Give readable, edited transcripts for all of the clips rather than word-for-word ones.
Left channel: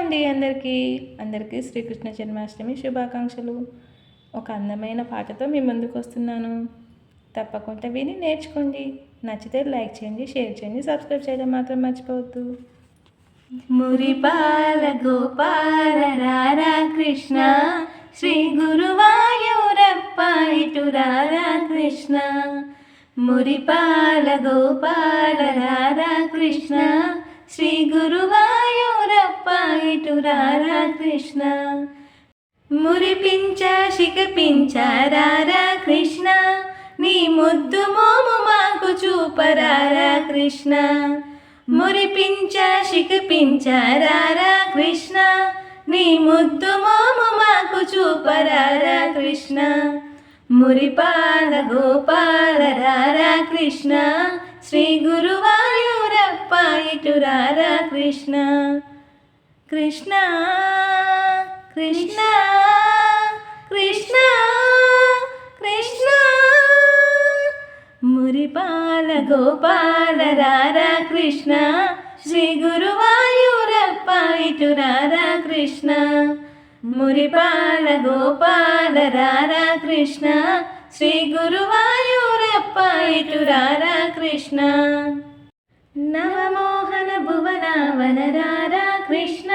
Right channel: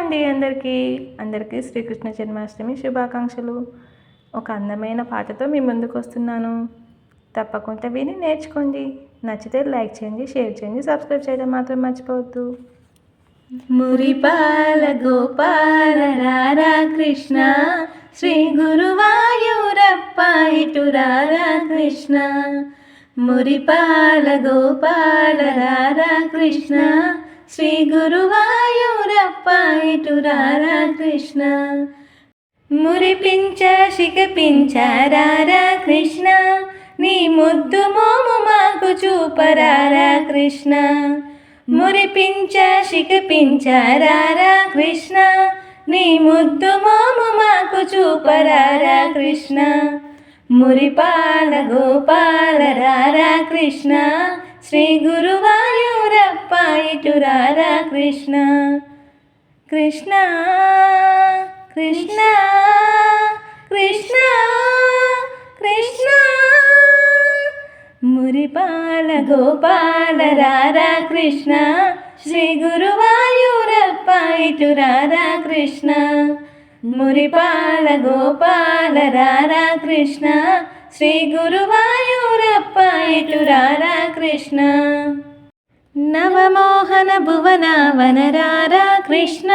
అండి అందరికీ శ్రీకృష్ణ జన్మాష్టమి శుభాకాంక్షలు. ఒక అందమైన పాటతో మీ ముందుకు వస్తున్నాను. తప్పకుండా విని నేర్చుకోండి. నచ్చితే లైక్ చేయండి, షేర్ చేయండి, సబ్స్క్రైబ్ చేయడం మాత్రం మర్చిపోవద్దు. మురిపాల గోపాల రారా కృష్ణ, శ్రీ గురువాయూరప్ప ఇటు రారా కృష్ణ. మురిపాల గోపాల రారా కృష్ణ, శ్రీ గురువాయూరప్ప ఇటు రారా కృష్ణ. మురిపించ శిఖపించ రారా కృష్ణ, నీ ముద్దు మోము మాకు చూపరారా కృష్ణ. మురిపించ శిఖపించ రారా కృష్ణ, నీ ముద్దు మోము మాకు చూపరారా కృష్ణ. మురిపాల గోపాల రారా కృష్ణ, శ్రీ గురువాయూరప్ప ఇటు రారా కృష్ణ. కృష్ణ కృష్ణ కృష్ణ కృష్ణ. మురిపాల గోపాల రారా కృష్ణ, శ్రీ గురువాయూరప్ప ఇటు రారా కృష్ణ. మురిపాల గోపాల రారా కృష్ణ, శ్రీ గురువాయూరప్ప ఇటు రారా కృష్ణ. నవమోహన భువన వనరారా కృష్ణ,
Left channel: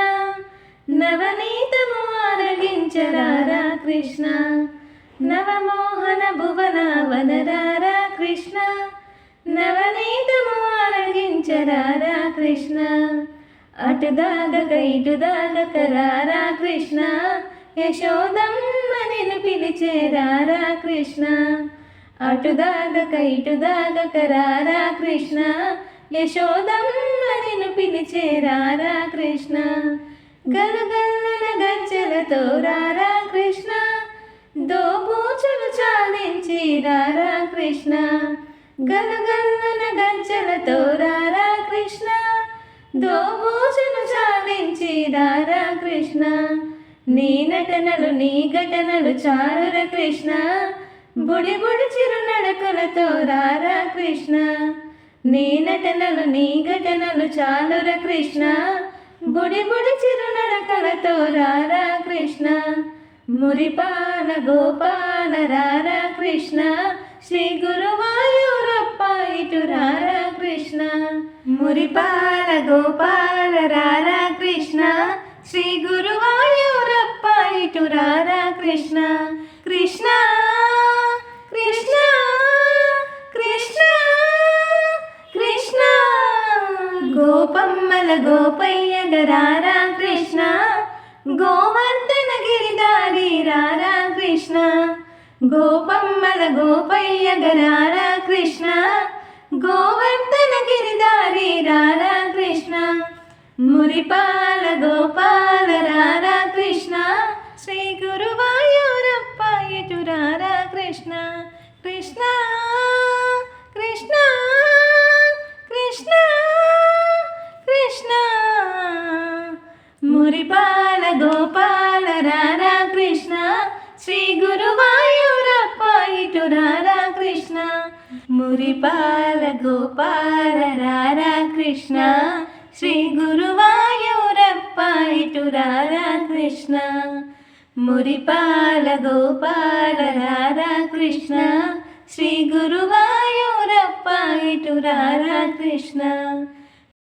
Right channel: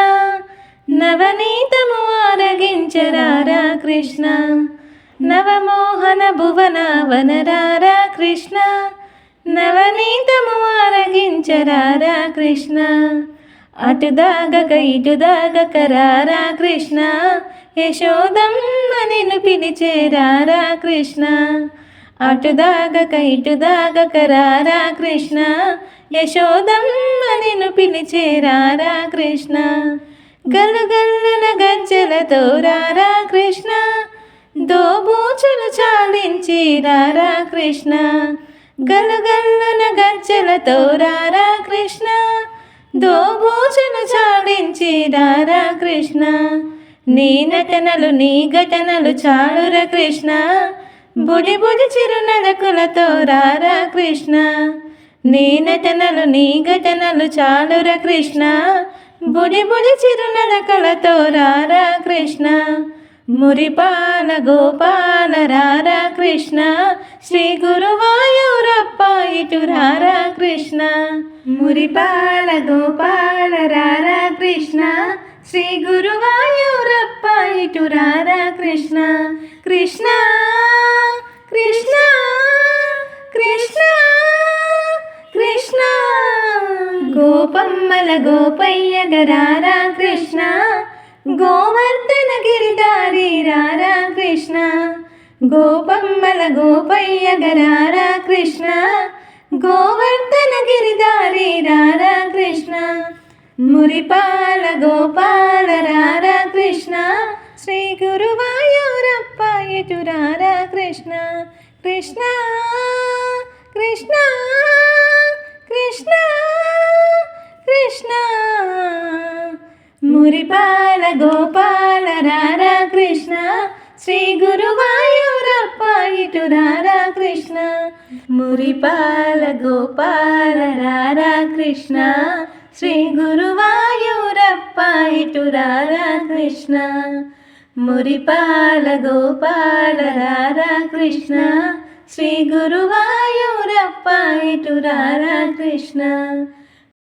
నవనీతము ఆరగించరారా కృష్ణ. నవమోహన భువన వనరారా కృష్ణ, నవనీతము ఆరగించరారా కృష్ణ. అటుదాగక ఇటుదాగక రారా కృష్ణ, యశోదమ్మ నిన్ను పిలిచేరారా కృష్ణ. అటుదాగక ఇటుదాగక రారా కృష్ణ, యశోదమ్మ నిన్ను పిలిచేరారా కృష్ణ. గలగల్లున గజ్జలతో రారా కృష్ణ, దోబూచులు చాలించి రారా కృష్ణ. గలగల్లున గజ్జలతో రారా కృష్ణ, దోబూచులు చాలించి రారా కృష్ణ. నీ నటనలు నీ ఘటనలు చాలుర కృష్ణ, బుడి బుడి చిరునడకులతో రారా కృష్ణ. నీ నటనలు నీ ఘటనలు చాలుర కృష్ణ, బుడి బుడి చిరునడకలతో రారా కృష్ణ. మురిపాల గోపాల రారా కృష్ణ, శ్రీ గురువాయూరప్ప ఇటు రారా కృష్ణ. మురిపాల గోపాల రారా కృష్ణ, శ్రీ గురువాయూరప్ప ఇటు రారా కృష్ణ. కృష్ణ కృష్ణ కృష్ణ కృష్ణ. గోపమ్మల గోపయ్య గరారా కృష్ణ, గోవర్ధన గిరిధారి రారా కృష్ణ. గోపమ్మల గోపయ్య గరారా కృష్ణ, గోవర్ధన గిరిధారి రారా కృష్ణ. మురిపాల గోపాల రారా కృష్ణ, శ్రీ గురువాయూరప్ప ఇటు రారా కృష్ణ. కృష్ణ కృష్ణ కృష్ణ కృష్ణ. మురిపాల గోపాల రారా కృష్ణ, శ్రీ గురువాయూరప్ప ఇటు రారా కృష్ణ. మురిపాల గోపాల రారా కృష్ణ, శ్రీ గురువాయూరప్ప ఇటు రారా కృష్ణ. మురిపాల గోపాల రారా కృష్ణ, శ్రీ గురువాయూరప్ప ఇటు రారా కృష్ణ.